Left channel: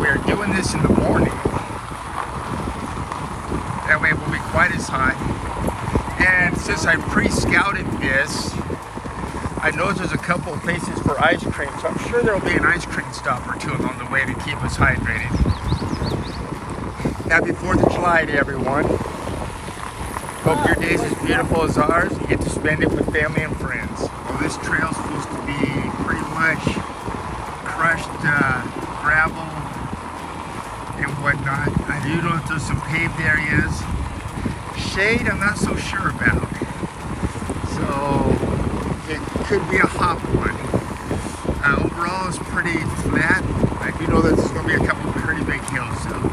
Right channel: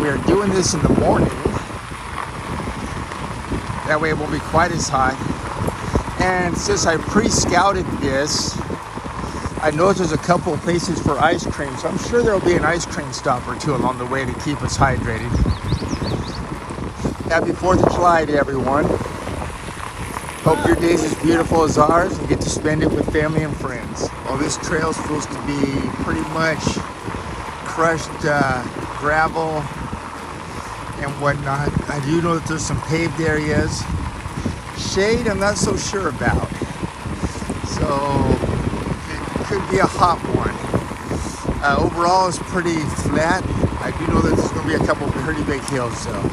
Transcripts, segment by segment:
we are doing this in the morning. That way it won't be quite as hot. And since I pre-scouted this, I know there's a couple of places for ice cream, so I'm sure there'll be an ice cream stop or two along the way to keep us hydrated. Happy 4th of July to everyone. Hope your day is as beautiful as ours and get to spend it with family and friends. Well, this trail's supposed to be pretty much crushed gravel and whatnot. I do know that there's some paved areas. Shade, I'm not so sure about. So it could be a hot one. Overall, it's pretty flat. I do know that there's going to be a couple of pretty big hills though.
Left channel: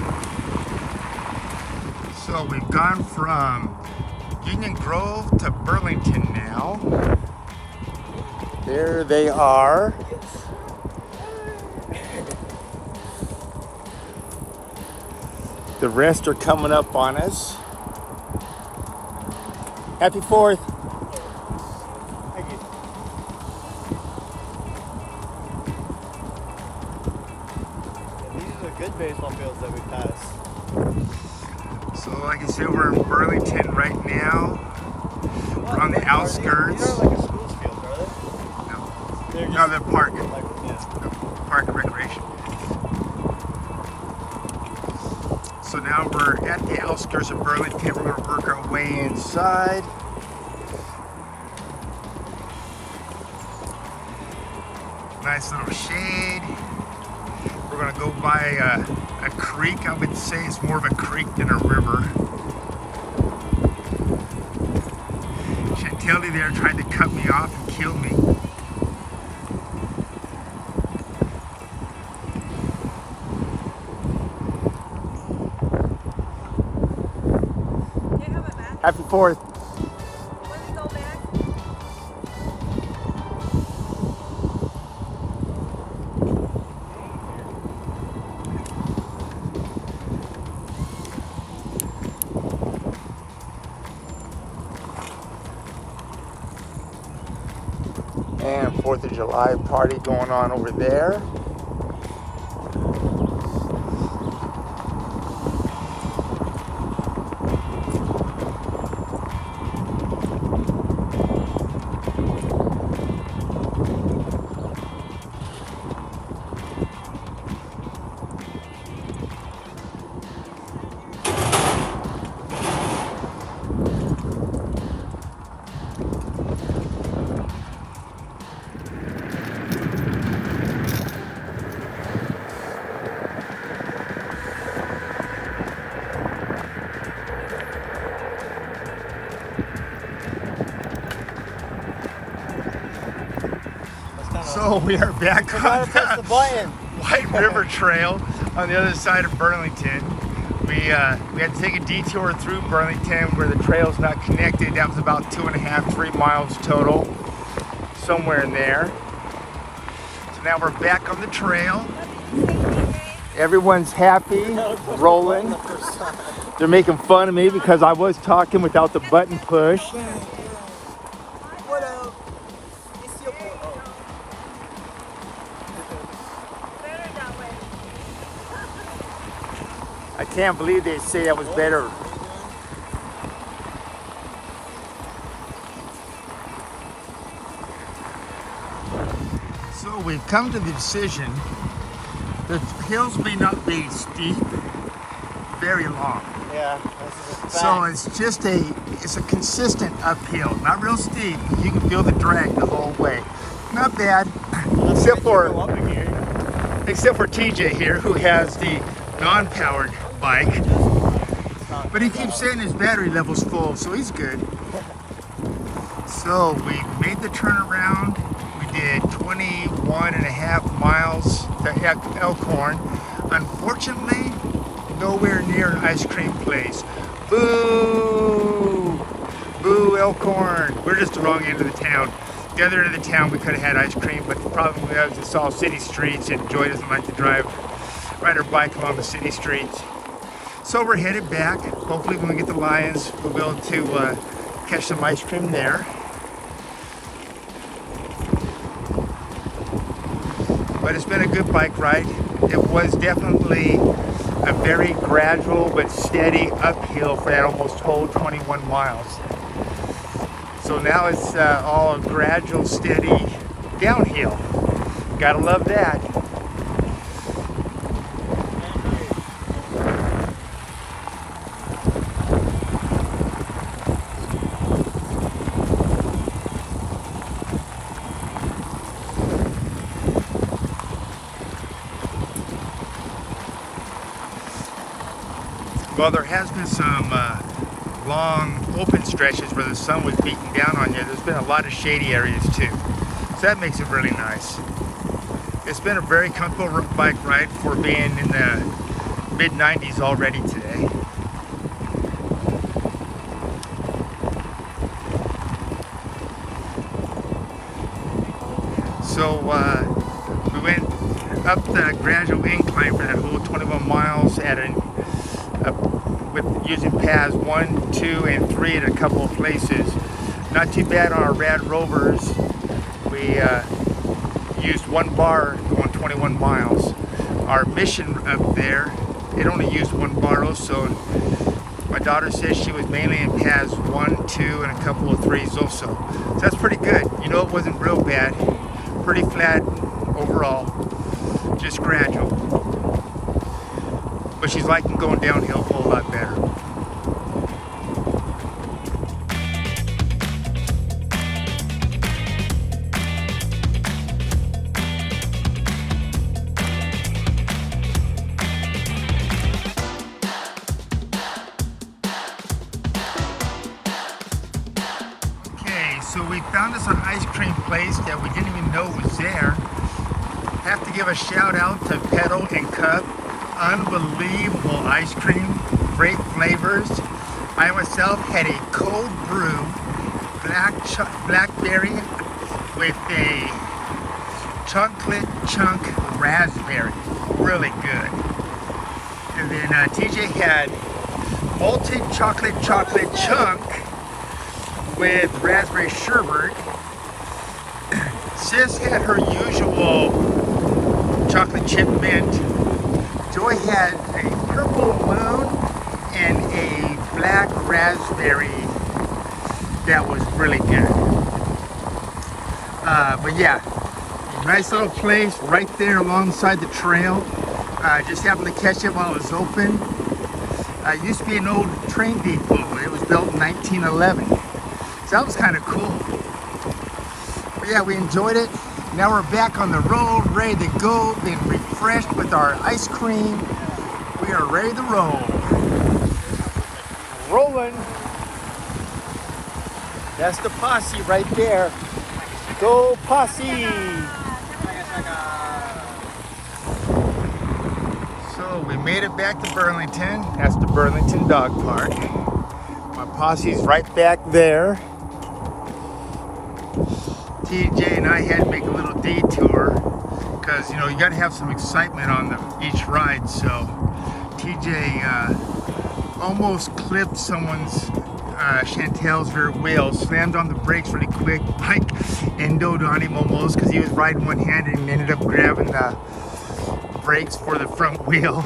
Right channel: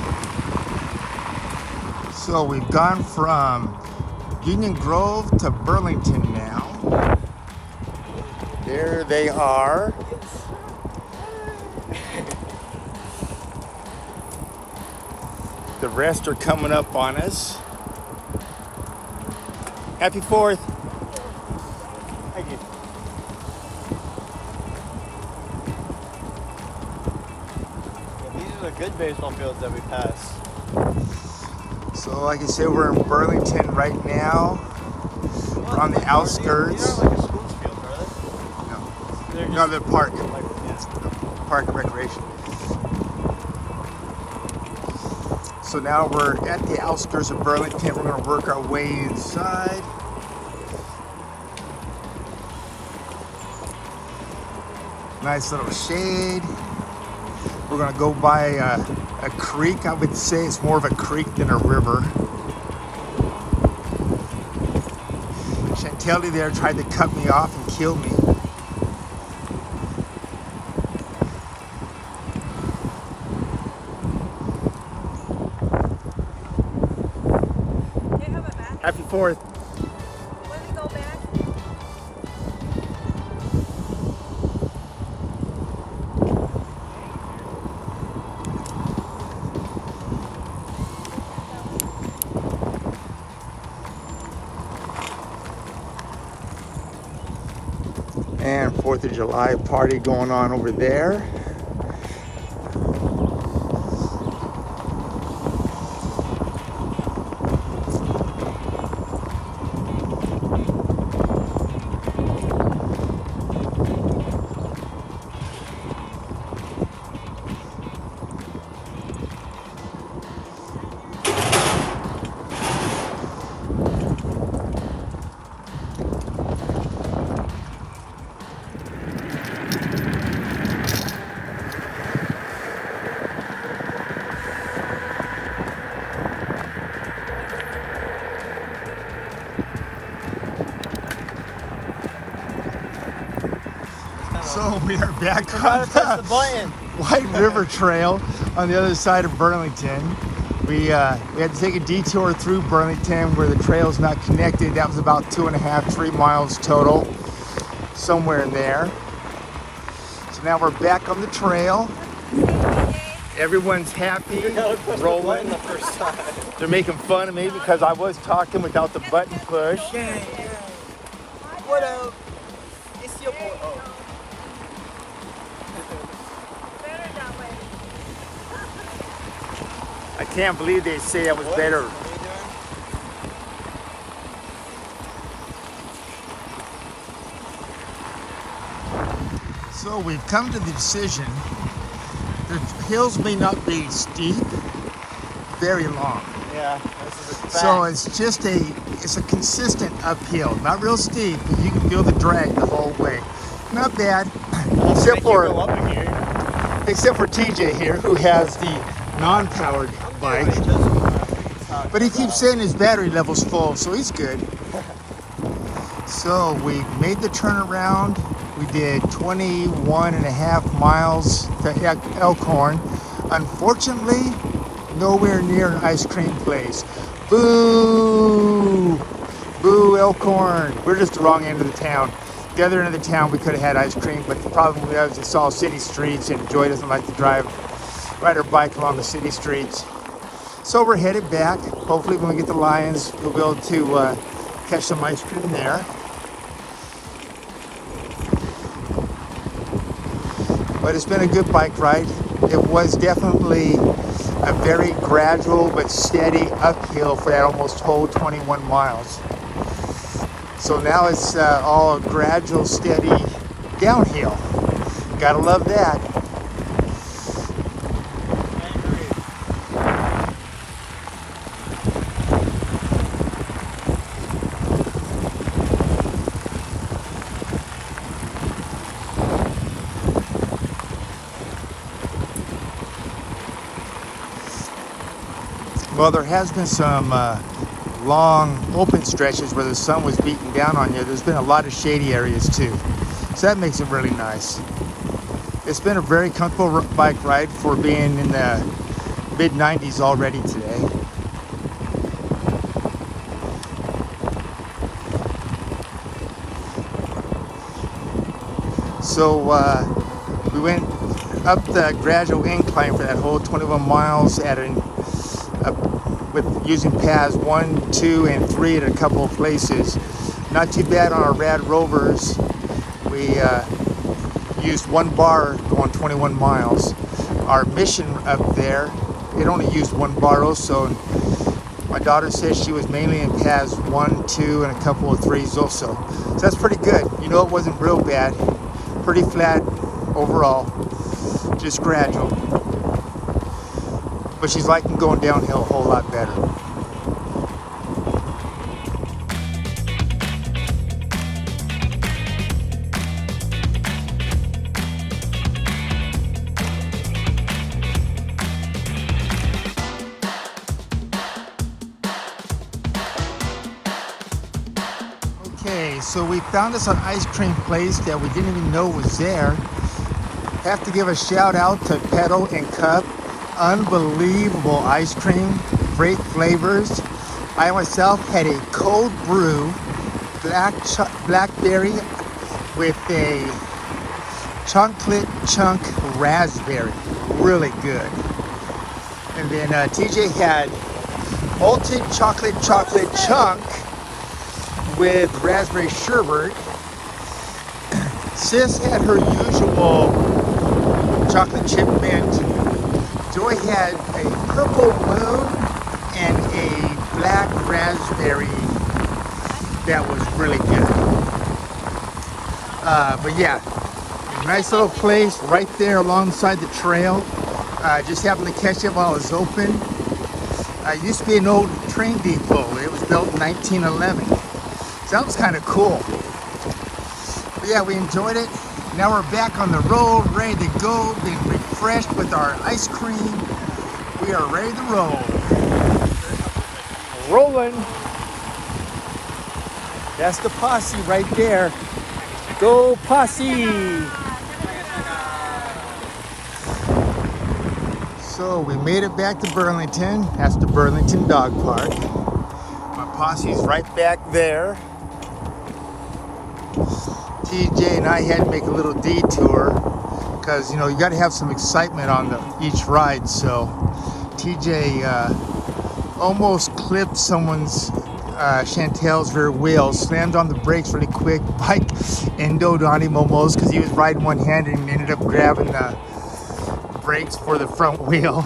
So we've gone from Union Grove to Burlington now. There they are. The rest are coming up on us. Happy 4th. Thank you. These are the good baseball fields that we pass. So like I said, we're in Burlington right now. We're on the outskirts. No, the park. Park and recreation. So now we're at the outskirts of Burlington. We're going to work our way inside. Nice little shade. We're going to go by a creek. I would say it's more of a creek than a river. Chantelli there tried to cut me off and kill me. Happy 4th. When we go back? And 4th of July party going on over there. So we are back on the White River Trail on the other side of Burlington. We had to take a detour through Burlington where the trail's not connected. That was about 2.5, 3 miles total, somewhere in there. So now we're back on the trail. Everyone's happy, rolling. They're making fun of me because I was talking without the button push. What up? It's your boy. Oh. Better that way. I can't believe they say I was better. So we've come to the decision. The hills may not be steep, very long. Yeah. So it's just it's a consistent uphill. Not real steep, but you can feel the drag the whole way. Not bad. Except You go for, up in here. except for TJ here, who has the non-powered bike. But he keeps saying his battery level's full, so he's good. So we made the turnaround. We did 21.5 miles to Elkhorn. Unfortunately, nowhere near an ice cream place. Boo! Boo, Elkhorn. We're just the wrong end of the town. The other end of the town we could have had ice cream, but the problem we have is it's all city streets and Joy doesn't like to ride her bike along the city streets. So we're headed back. Hopefully when we get the Lions, we'll be able to catch some ice cream there. But it's been a good bike ride. it was definitely a very gradual but steady uphill for that almost whole 21 miles. So now it's all gradual, steady downhill. Gotta love that. Well, there has been some long open stretches where the sun was beating down on you. There's been a lot of shady areas too, so that makes it really nice. It's been a very comfortable bike ride for being in the mid-90s already today. So we went up the gradual incline for that whole 21 miles at with using paths 1, 2, and 3 at a couple of places. Not too bad on our Rad Rovers. We used 1 bar on 21 miles. Our Mission up there, it only used 1 bar also. My daughter says she was mainly in paths 1, 2, and a couple of 3s also. So that's pretty good. You know, it wasn't real bad. Pretty flat overall, just gradual. But she's liking going downhill a whole lot better. Okay, so we found us an ice cream place that we didn't even know was there. Have to give a shout out to Pedal and Cup. Unbelievable ice cream, great flavors. I myself had a cold brew, blackberry with a chocolate chunk raspberry, really good. And then TJ had malted chocolate chunk with raspberry sherbet. Sis had her usual chocolate chip mint. Joy had a purple moon and a black raspberry that was really good. But yeah, nice little place right there alongside the trail. Just happened to catch it while it was open. It used to be an old train depot. It was built in 1911. So that was kind of cool. But yeah, we enjoyed it. Now we're back on the road, ready to go, being refreshed with our ice cream. We are ready to roll. Rolling. That's the posse right there. Go posse. So we made it back to Burlington. That's the Burlington Dog Park. My posse is right back there. TJ and I had to make a little detour because, you know, you got to have some excitement on each ride. So TJ almost clipped someone's Chantel's rear wheel, slammed on the brakes really quick, bike endoed on him almost because he was riding one-handed and ended up grabbing the brakes for the front wheel.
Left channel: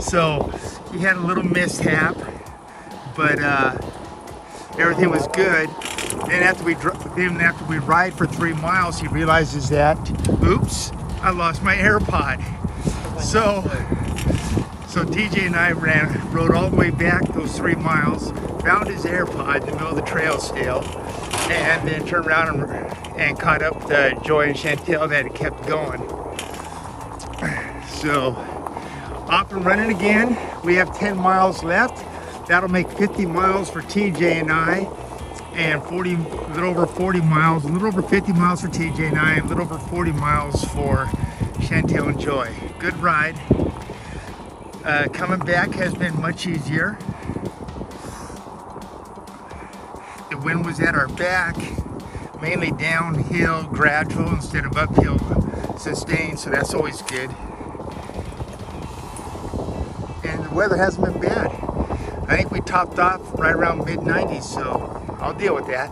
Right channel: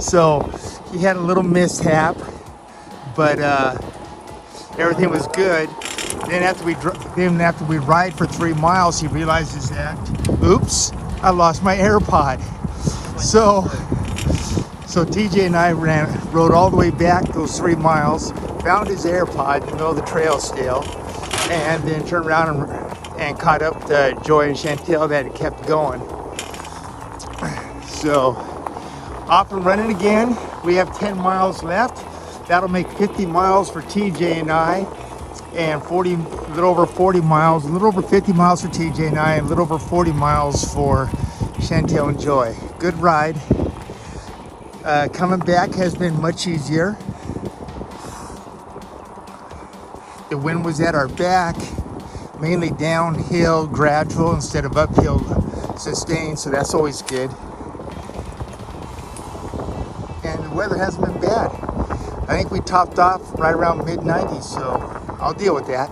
So he had a little mishap, but everything was good. Then after we ride for 3 miles, he realizes that, oops, I lost my AirPod. So TJ and I rode all the way back those 3 miles, found his AirPod in the middle of the trail still, and then turned around and caught up to Joy and Chantel that had kept going. So off and running again. We have 10 miles left. That'll make 50 miles for TJ and I, and a little over 40 miles, a little over 50 miles for TJ and I, and a little over 40 miles for Chantel and Joy. Good ride. Coming back has been much easier. The wind was at our back, mainly downhill, gradual instead of uphill, sustained, so that's always good. And the weather hasn't been bad. I think we topped off right around mid-90s, so I'll deal with that.